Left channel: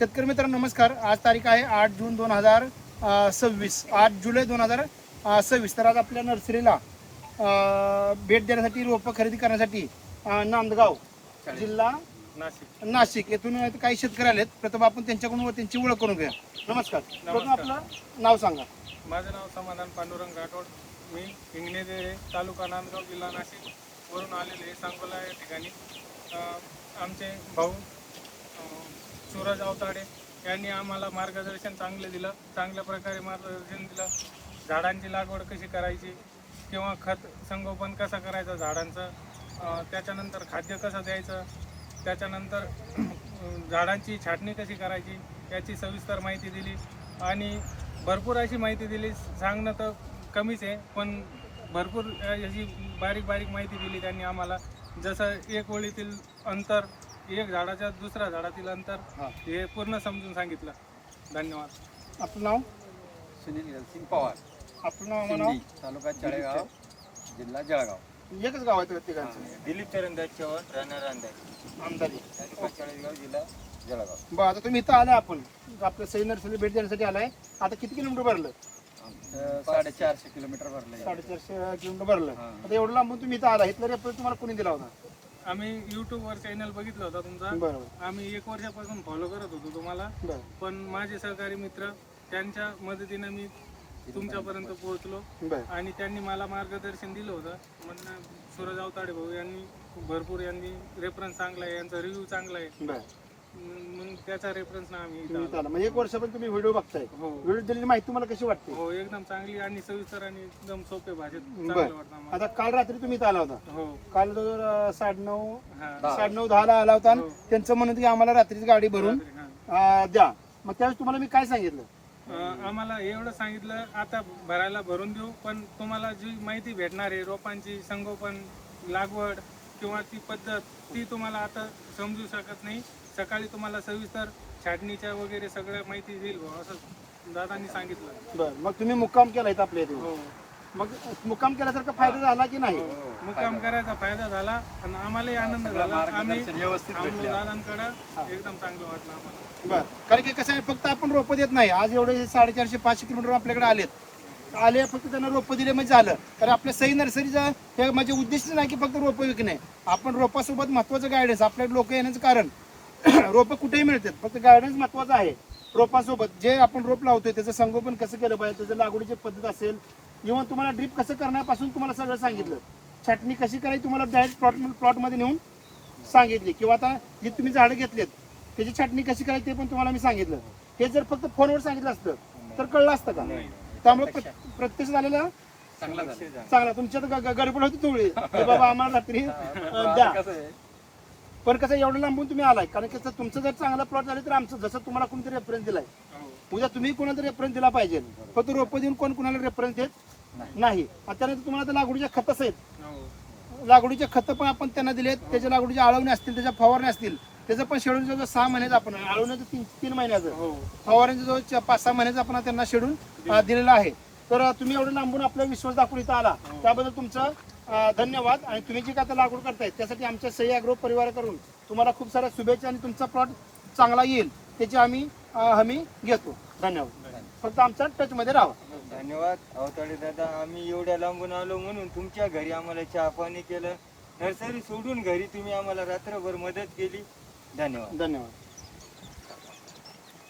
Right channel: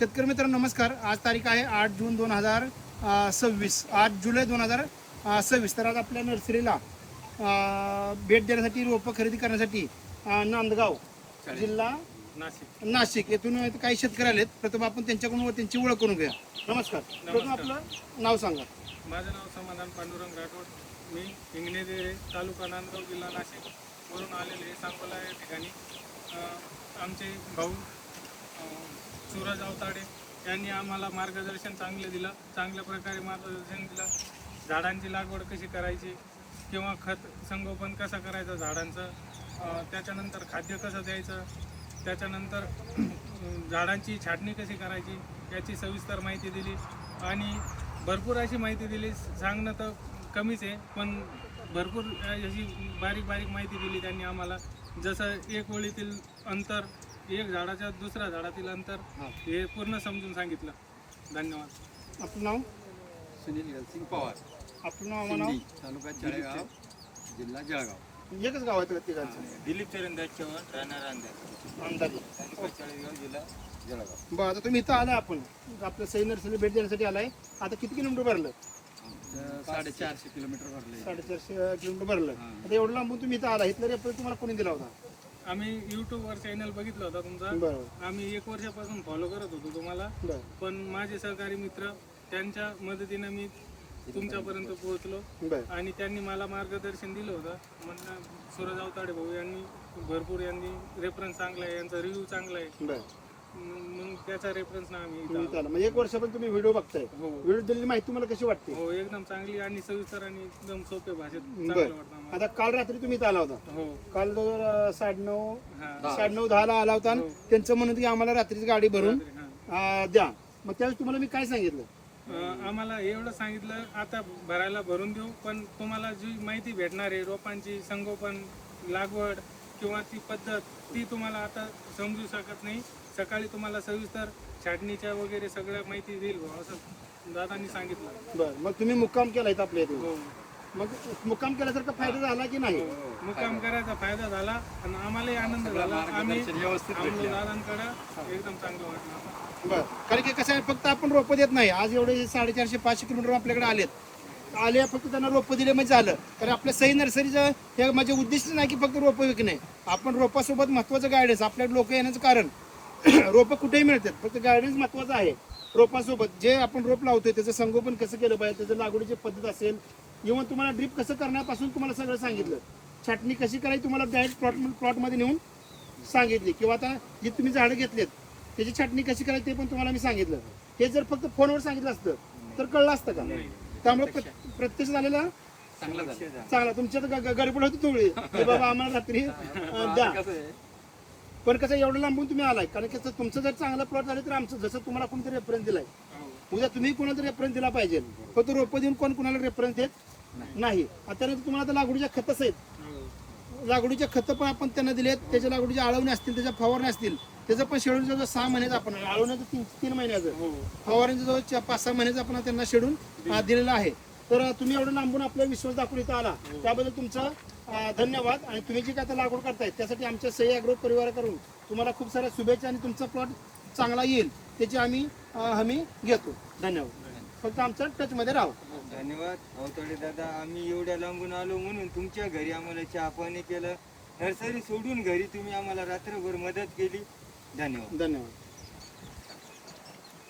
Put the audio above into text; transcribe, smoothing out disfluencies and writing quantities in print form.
शेतकरी मित्रांनो नमस्कार. आज तारीख आहे 8 जून 2026, 8 जुलै 2026. तर आज आपल्या नर्सरीला भेट देण्यासाठी रोपं खरेदी करण्यासाठी नांदगाव जिल्हा नाशिक येथून काही शेतकरी आलेत. प्रथम आपण त्यांच्याकडून त्यांची ओळख करून घ्या. नमस्कार. प्रथम आपलं नाव सांगा. माझं नाव समाधान पांडुरंग राठोड. मी हिंगणेदेरे तालुका नांदगाव जिल्हा नाशिक वरून आलेले सांगोला या ठिकाणी. आमचे भाऊ सूरज अवताडे यांनी आम्हाला मार्गदर्शन चांगल्या प्रकारे मार्गदर्शन दिलं. झाडांची लागवड कशी करायची किंवा खत संगोपन कसं करायचं झाडांचं, त्याच्यानंतर खाद्य कसं द्यायचं, त्याच्यानंतर झाडांची छाटणी कशी करायची याची सविस्तर माहिती दिली आणि भरपूर अशी माहिती दिली. सांगणं तर कमीच आहे, पण भरपूर अशी बारीक माहिती दिली त्यांनी आम्हाला. जसं एक ओळीतील अंतर, एक झाडाच्या दुसऱ्या झाडातील अंतर हे पूर्ण समजून सांगितलं. धन्यवाद. आपलं नाव? सुनील सिंग पवार. आपलं नाव? तालुका जळगाव जिल्हा जळगाव. एकच गाव आहे प्रत्येकाचं? दिलीप चरणदास चव्हाण राहणार अंदाजे तालुका चाळीसगाव जिल्हा जळगाव. बरं, आता तुम्ही इथं आला, आपण आपल्या सई नर्सरीला भेट देण्यासाठी आलाय. आता किती किलोमीटर भरलं? 450 किलोमीटर भरले. 450 किलोमीटर भरलं. आता एवढं लांबून तुम्ही इथं आला. इथला रेफरन्स तुम्हाला कोणी दिला होता? आम्ही यूट्यूबवर चॅनल बघितलं होता तुमचा. बरोबर. आम्ही 1 वर्षापासून फॉलो करत होतो तुम्हाला. बरं. पण माझे सहकारी मित्र त्यांच्या मदतीने मी तुमच्यापर्यंत पोहोचलो बरं. आणि त्यांनी मला मार्गदर्शन दिलं होतं. म्हणून सूरज अवताडे भाऊ यांनी भरपूर रेफरन्स चांगला आहे, यांचा रिव्ह्यू चांगला आहे. बरं. मग त्याचा रेफरन्स ना आम्ही तुम्ही इथं आला. म्हणजे 1 वर्ष पण तुम्ही व्हिडिओ बघताय. हो व्हिडिओ दिलेली माहिती तुम्हाला कशी वाटते? हो एकदम चांगली आणि सविस्तर आणि एकदम सोपे भाषेत बरं. चांगलं वाटतं आम्हाला. आता काल रात्री तुम्ही इथं आला होता. हो 9:30 हा 9:30-10 आला होता. हो. त्यांचं म्हणणं होतं की आम्हाला रात्रीच गाडी भरून हा. द्या. मग त्यावेळेस तुम्हाला मी काय सांगितलं? आम्हाला एवढं सांगितलं, आता भरून देऊ, पण तुम्हाला जी माहिती भेटणार आहे रोपांची संगोपन, लागवड किंवा ती पद्धत, ती तुम्हाला आता समजू शकत नाही. सकाळी तुम्हाला सविस्तर छाटणीच्या वगैरे सगळ्या माहिती देईल भाऊ, असं दादांनी सांगितलं. बरं, मग तुम्ही मुक्काम केला इथं आपल्या इथे. हो मग मुक्काम केल्यासारखा फायदा झाला की नाही? मुक्काम करायचा फायदा झाला आणि आम्हालाही आनंद झाला. आम्ही व्यवस्थित दादांकडे एकदम चांगलं वाटलं आम्हाला. बरं, कारण की कसं आहे, फक्त आपण रोपं देत नाही. आज एवढे 450-500 किलोमीटर आपल्याकडे आले, फक्त त्यांना रोपं दिले म्हणजे झालं. कारण आपल्या सई नर्सरीचं हे म्हणजे उद्दिष्ट नाही की फक्त रोपं विकणे. आपण रोपासोबत महत्त्वाचं गायडन्स, आपल्याकडे लोक येण्याचं कारण रोपं कुठेही मिळतात, फक्त गायडन्स महत्त्वाचं आहे. रोपासोबत जे आपण रोप लावतोय त्याचं संगोपन कसं केलं पाहिजे, त्याचं लागवडीची पद्धत असेल, इव्हन तुम्हाला ड्रीप कसं करण्यापासून तुम्हाला सगळं सांगितलं. छाटणी कशी करायची तुम्हाला डायरेक्ट प्लॉटमध्ये नेऊन सांगितली. किंवा आता जे तुम्ही झाडं घेतलेत त्याची छाटणी कशी करायची ते पण तुम्हाला मी सांगितलं. हे जर फक्त फोनवर सांगितलं असतं तर कळलं असतं का? त्यामुळे प्रत्यक्ष झालेला चांगला. तुमच्यात गडबड होती तुळी की बाबा आम्हाला रात्री द्या. पण कसं एवढं लांबून तुम्ही आलाय, कारण की तुमचं जर चांगला प्लॉट झाले तर आमचं जसं तुम्हाला कोणतरी रेफरन्स दिलाय, उद्या तुम्ही कोणाला रेफरन्स दिला पाहिजे. फक्त रोपं देऊन कोणाला रेफरन्स देत नाही. आता तुम्हाला तर लागवडीच्या खतच आहेत. लागवडीचे खतं पण आपण त्यांना दिलेत. त्याच्या लागवडीच्या आळवणे असतील, त्याच्या फवारणे असतील, त्याचं पण शेड्यूल जवळ 6 महिन्याचं, आपण आळवण्याचं 3 महिन्याचं, फवारण्याचं जवळ 5-6 महिन्याचं आपण त्यांना शेड्यूल दिलेलं आहे. तर तुम्ही एवढं लांबून आपला विश्वास दाखवून इथं आला, त्याबद्दल तुमचं धन्यवाद. आणि तुम्ही जी काय आता लागवड करताय त्यासाठी आमच्या सई ॲग्रो परिवाराकडून तुम्हाला खूप साऱ्या शुभेच्छा आणि तुमचा प्लॉट चांगला येईल त्याची आम्ही हमी घेतो. धन्यवाद. फक्त आमच्या टचमध्ये राहा. धन्यवाद अवताडे दादा. आम्ही एवढ्या लांबून आलो म्हणून तुमच्या घरी आम्हाला चहा पाणी केलं. नर्सरी सोडून घरी तुम्ही आम्हाला रात्रभर मदत केली. धन्यवाद. धन्यवाद.